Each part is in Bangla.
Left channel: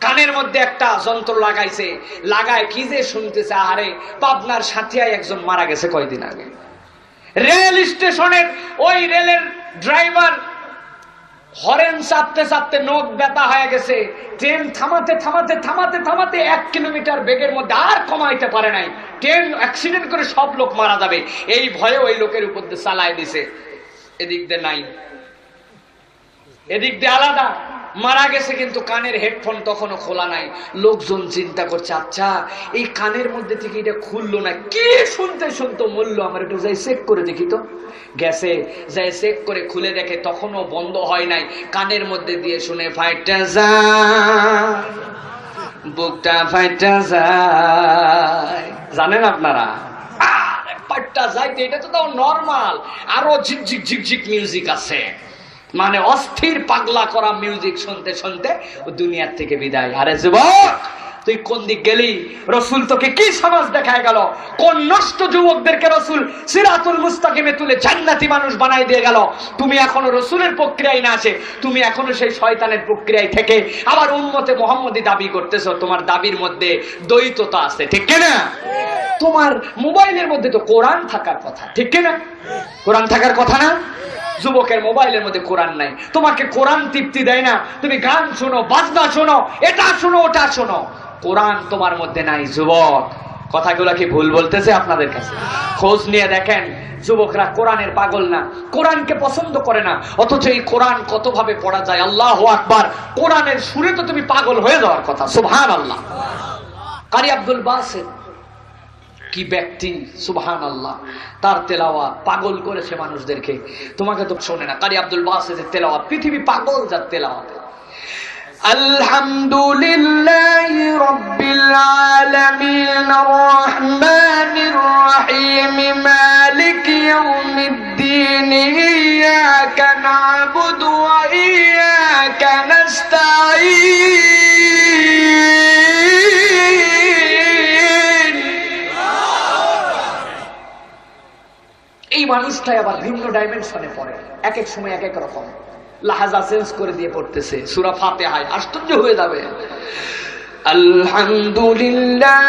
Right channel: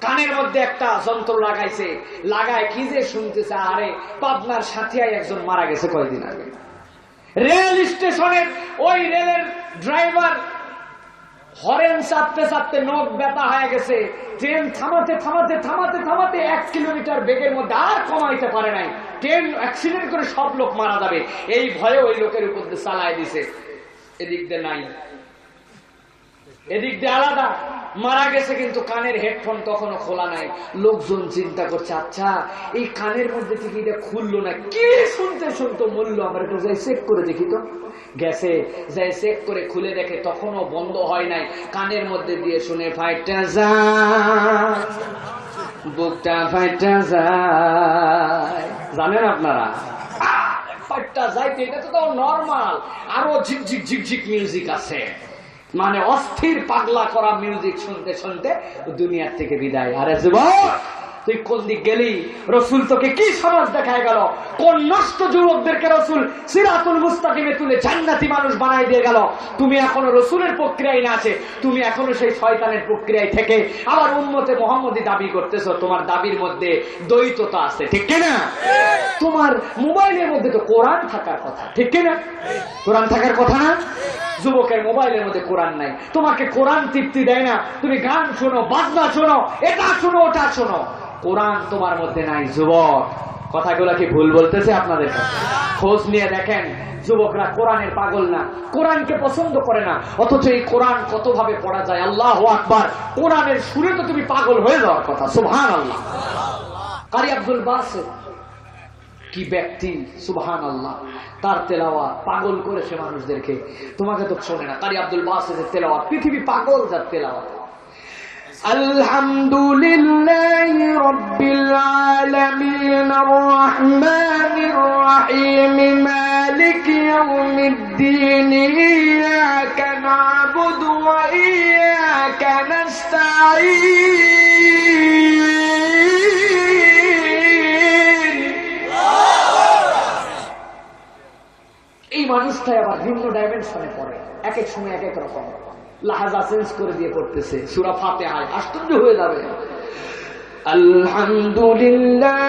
কানের মধ্যে একটা যন্ত্র লাগাইছে। লাগায় কি যে শুনতেছে? আরে, পাবনার সাথিয়ায় একজন মারা গেছে কয়দিন আগে। রেল স্টেশনের ওই রেলের ড্রাইভার হরেন চাপতে চাপতে নখ ব্যথা হয়ে গেছে। ট্রেন থামাতে থামাতে থামাতে থামাতে এক কিলোমিটার বেগের মধ্যে আর কমাইতে পারে নাই। ট্রেন অ্যাক্সিডেন্ট করে সব লোক মারা যাবে। এই ভয়ে ওই লোকের উপর চালায় দিছে। এদিক দিয়ে নাই। এদিক দিয়ে আলাদা। মারা গেছে কিন্তু কানের হেডফোন তখনও খোলা নাই। লোকজন চিন্তা করছে আচ্ছা এই কানের মধ্যে থেকে এটা খুললো না। কি শুনতে শুনতে মূল্য আমরা একটু যাই চেক করে দেখি তো। গেছে, যাই চেক করে খুলে দেখে তখনও বন্ধ হয় নাই। কানের মধ্যে দিয়ে শুনে ফাইটটা যা, বুকটা ফাইটটা যায় জানেন আপনারা? ফাইটটা যাইতে, এটা তো তাও নর্মাল আরও ঝিকঝিক ঝিকঝিক মিউজিক আছে। মানে অস্থির পাগলা করা মিউজিক শুনতে শুনতে দুনিয়ার থেকে বিদায়। আরে যুবক তুই কোন দিক গেলি? রসুল তোকে কি সমাজ দেখায় গেল? কোন নষ্ট যুবকদেরকে রসুল সিরাতুল মুস্তাকিমে তুলে জান্নাতি মানুষ বানাই দিয়ে গেল? তুমি এখনও রসুলের প্রক্রিয়ায় না আছে তুমি এখনও সেই শয়তানের প্রক্রিয়ায় থেকে আবার উন্মতে মোহাম্মদী দাবি করতেছো তোমার দাবির মধ্যে দ্বৈততা আছে ঠিক কিনা? তোমার মোবাইলের মধ্যে তো কোরআন থাকার কথা ঠিক কিনা? কোরআন থাকার কথা না? যুবকের মোবাইলের মধ্যে কোরআন নাই। তোমাকে কোরআন তৃপ্তি দেয় না। তুমি গান শোনো, বাজনা শোনো, এটা শোনো, ওটা শোনো। কোরআন তোমার মধ্যে নাই, যুবক। কথাগুলো কি ভুল বলতেছে আপনাদের কাছে? খোঁজ নিয়ে দেখেন, যুবকরা কোরআনের পাগল না। কোরআনকে পছন্দ করে না। অথচ এই কোরআন কতভাবে পড়া যায়? আল্লাহ আকবার। কোরআনের সুরে তো তুমি পাগল হয়ে যাওয়ার কথা। সুবহান আল্লাহ কারি আব্দুল বাসের কি ব্যক্তি? সুবাহান আল্লাহ তার তেলাওয়া পাগল করেছে মানুষদেরকে। তোমাকে তো শোনে না। কারি আব্দুল বাসের তেলাওয়া পৃথিবী পাগল যার তেলাওয়াতে। আলহামদুলিল্লাহ। ডাইমেনশনে পড়ে। এক এক সময় এক এক রকম। লাহাজা চেঞ্জ করে দিয়ে পড়তেছে। সুরা ফাতে হায় আশ্চর্য হয়ে যাবে। আলহামদুলিল্লাহ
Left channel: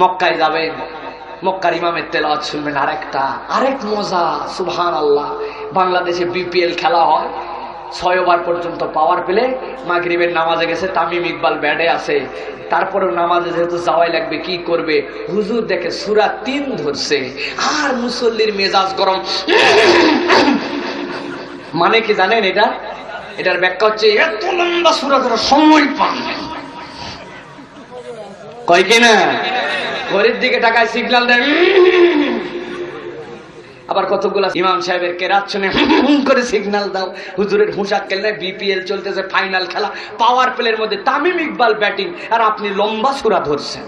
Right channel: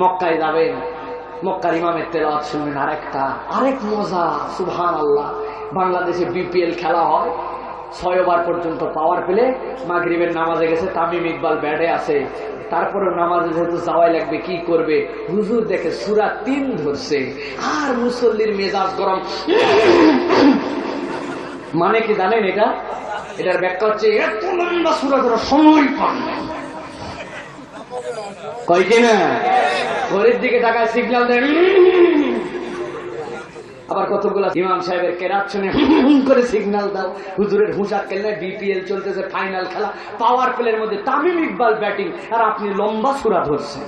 মক্কায় যাবেন। মক্কার ইমামের তেলাওয়াত শুনবেন আরেকটা, আরেক মজা সুবহান আল্লাহ বাংলাদেশে বিপিএল খেলা হয়। ছয় ওভার পর্যন্ত পাওয়ার পেলে মাগরিবের নামাজে গেছে, তামিম ইকবাল ব্যাটে আছে। তারপরেও নামাজে যেহেতু যাওয়াই লাগবে, কি করবে? হুজুর দেখে সুরা তিন ধরছে। আর মুসল্লির মেজাজ গরম। মানে কি জানেন এটা? এটার ব্যাখ্যা হচ্ছে, এত লম্বা সুরা ধরার সময় পান। কয় কিনা ঘরের দিকে টাকায় সিগনাল দেয়। আবার কতগুলো ইমাম সাহেবের কেরাত শুনে করে সিগনাল দাও। হুজুরের হুঁসা খেললে বিপিএল চলতেছে ফাইনাল খেলা। পাওয়ার প্লের মধ্যে তামিম ইকবাল ব্যাটিং আর আপনি লম্বা সুরা ধরছেন।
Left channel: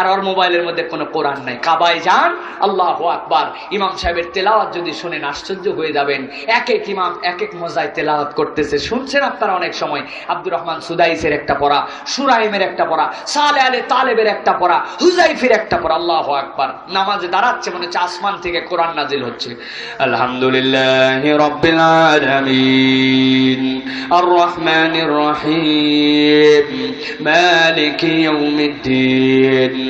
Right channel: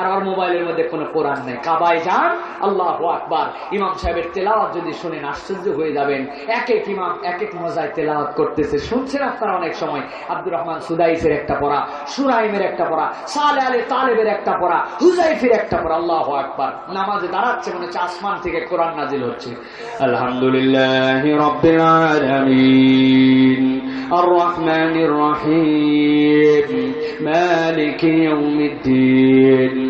আর ওর মোবাইলের মধ্যে কোনো কোরআন নাই। কাবায় যান, আল্লাহ আকবার। ইমাম সাহেবের তেলাওয়াত যদি শুনেন, আশ্চর্য হয়ে যাবেন। এক এক ইমাম, এক এক মজায় তেলাওয়াত করতেছে। শুনছেন আপনারা অনেক সময়? আব্দুর রহমান সুদাইসের একটা পড়া সুরাইমের একটা পড়া, সালে আলে তালেবের একটা পড়া হুজাইফের একটা পড়া, আল্লাহ আকবার। নামাজে দাঁড়াচ্ছে মনে হচ্ছে আসমান থেকে কোরআন নাজিল হচ্ছে। আলহামদুলিল্লাহ রব্বিল রহিম। মালিক ইয়াউমিদ্দিন।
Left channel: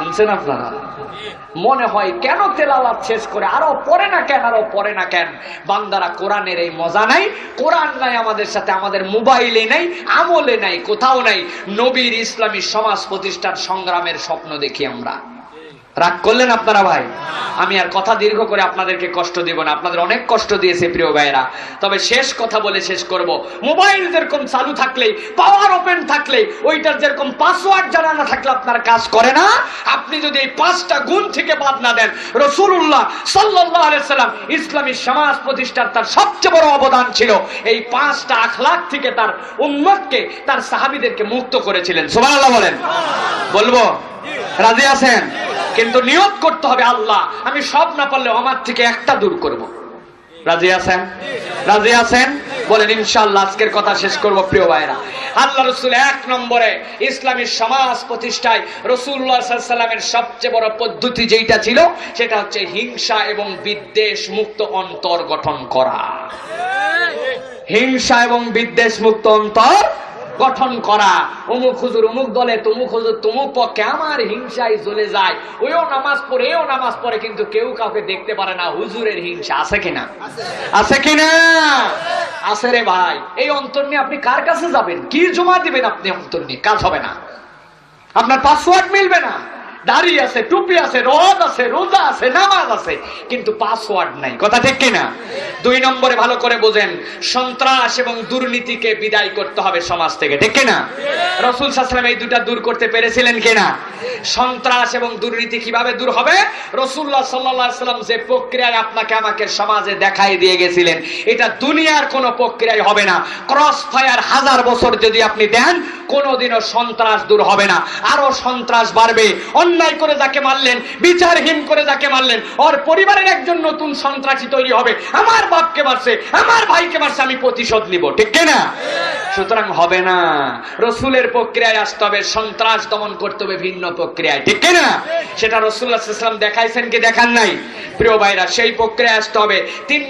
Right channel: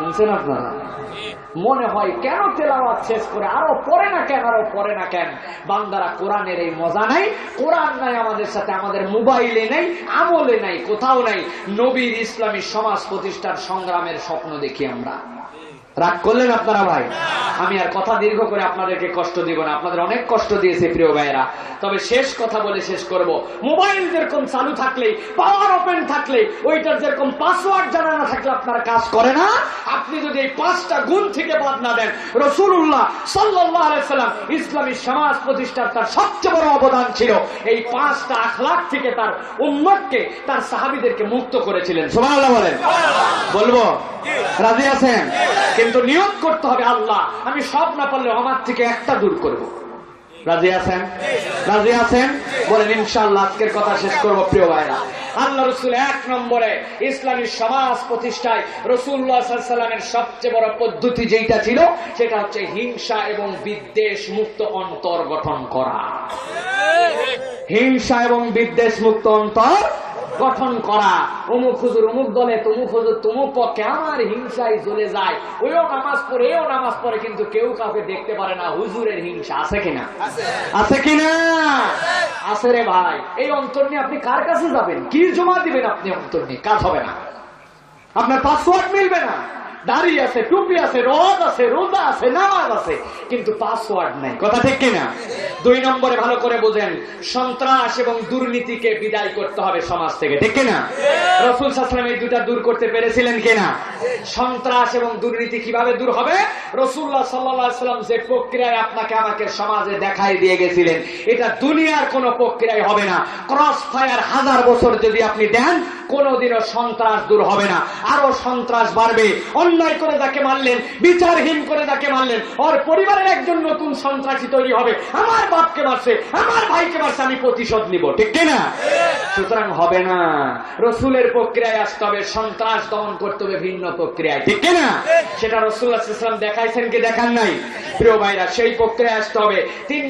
শুনছেন আপনারা? মনে হয় কেন তেলাওয়াত শেষ করে আরও পড়ে না কেন, আরও পড়ে না কেন? বান্দারা কোরআনের এই মজা নাই, কোরআন নাই আমাদের সাথে, আমাদের মোবাইলে নাই আমলে নাই, কোথাও নাই। নবীর ইসলামী সমাজ প্রতিষ্ঠার সংগ্রামের স্বপ্ন দেখি আমরা। রাগ করলেন আপনারা ভাই? আমি আর কথা দীর্ঘ করে আপনাদেরকে কষ্ট দিব না। আপনাদের অনেক কষ্ট দিয়েছে প্রিয় ভাইরা তবে শেষ কথা বলে শেষ করব। মোবাইল যেরকম চালু থাকলে পাওয়ার ওপেন থাকলে, ওইটার যেরকম পাসওয়ার্ড জানা না থাকলে আপনার কাজ করে না। আপনি যদি এই পাঁচটা গুণ থেকে বাদ না দেন রসুল্লাহ সাল্লাল্লাহু আলাইহি সাল্লাম ইসলামী সমাজ প্রতিষ্ঠার তার সবচেয়ে বড় অবদান ছিল। এই পাঁচটা আখলাক থেকে তার উম্মতকে, তার সাহাবীদেরকে মুক্ত করেছিলেন। সুবহানাল্লাহ বলেন। বলব? রাজি আছেন? কিন্তু নিয়ত করতে হবে আল্লাহ। আমি সব না পারলেও আমার থেকে একটা দূর করব। রাজি আছেন? রাজি আছেন? বলেন ইনশাআল্লাহ আজকের কথা শেষ করব প্রিয় ভাইরা আল্লাহ রসুল এক নম্বরে ইসলামী সমাজ প্রতিষ্ঠায় সাল্লামের সবচেয়ে বড় পদ্ধতি যেটা ছিল সেটা হচ্ছে হিংসা এবং বিদ্বেষ মুক্ত অন্তর গঠন করা। হিংসা এবং বিদ্বেষ মুক্ত অন্তর গঠন করা। অমুক হুজুর, অমুক দলে, তমুক হুজুর, তমুক পক্ষে আমার হিংসায় চলে যায়। ওইও নামাজ পড়ে, এও নামাজ পড়ে, কিন্তু কেউ কাউকে দেখতে পারে না হুজুরের হিংসা। আছে কিনা? আছে কিনা? আছে রে ভাই। এই অন্তর নিয়ে আপনি কার কাছে যাবেন? কি জমা দিবেন আপনি অন্তর নিয়ে? কাজ হবে না। আপনার পাসওয়ার্ড মিলবে না। দাড়ি আছে টুপি আছে রদ আছে রোজা আছে নামাজ আছে কিন্তু পাসওয়ার্ড নাই। কথা ঠিক কিনা? দুই নম্বরে ভালো করে বোঝেন সন্ত্রাস এবং দুর্নীতিকে বিদায় করতে হবে সমাজ থেকে ঠিক কিনা? রসুল সাসলাম এই দুটা দূর করতে পেরেছিলেন কিনা? সন্ত্রাস এবং দুর্নীতি কীভাবে দূর হবে? রসুল্লাহ সাল্লাম যে প্রক্রিয়ায় আপনাকে আমাকে সমাজে দেখাই দিয়ে গেছিলেন এটা দুনিয়ার কোনো প্রক্রিয়ায় হবে না। ক্রস ফায়ার হাজার বছর যদি আপনি দেন কোনোদিনও সন্ত্রাস দূর হবে না। আরও সন্ত্রাস বাড়বে। অন্যায় করে যাকে মারলেন, বিচারহীন করে যাকে মারলেন, ওর পরিবারের একজন নতুন সন্ত্রাসী তৈরি হবে। আমার বাপকে মারছে, আমার ভাইকে মারছে, আমি প্রতিশোধ নিব, ঠিক কিনা? সুতরাং হবে না। রসুলের প্রক্রিয়ায় আসতে হবে, সন্ত্রাস দমন করতে হবে ভিন্ন প্রক্রিয়ায়, ঠিক কিনা? সেটা রসুল দেখাইছেন কি দেখান নাই? প্রিয় ভাইরা, সেই প্রক্রিয়ায় আসতে হবে। তিন